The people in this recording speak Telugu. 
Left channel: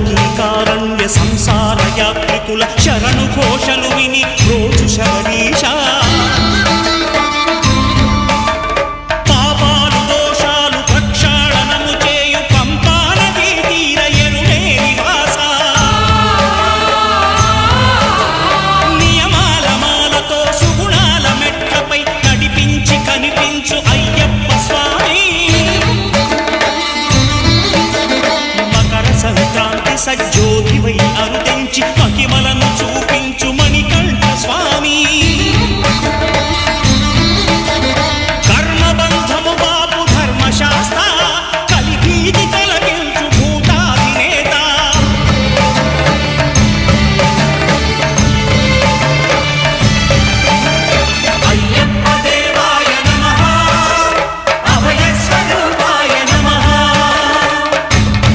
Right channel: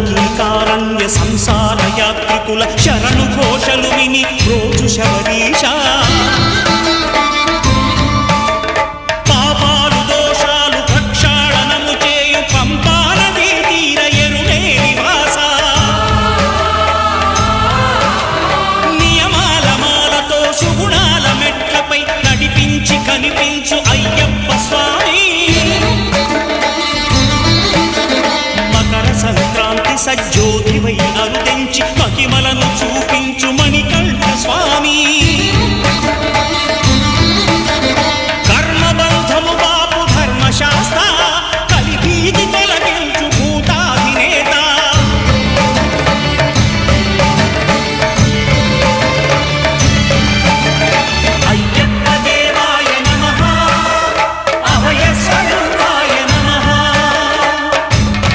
కీకారణ్య సంసార యాత్రికుల శరణు ఘోషలు విని రోజు శబరీష పాపాలు దోషాలు ప్రక్షాళనము చేయు పంపా నదీ తీర ఎరుమే నివాస నియమాల మాలతో సుగుణాల మెట్లపై నడిపించి కనిపించు అయ్యప్ప స్వామి సంక్రాంతి సజ్జోతివై అరుదెంచి మహిమలను చూపించు మణికంఠ స్వామి కర్మబంధము బాపు ధర్మశాస్త్ర కలిభీతితో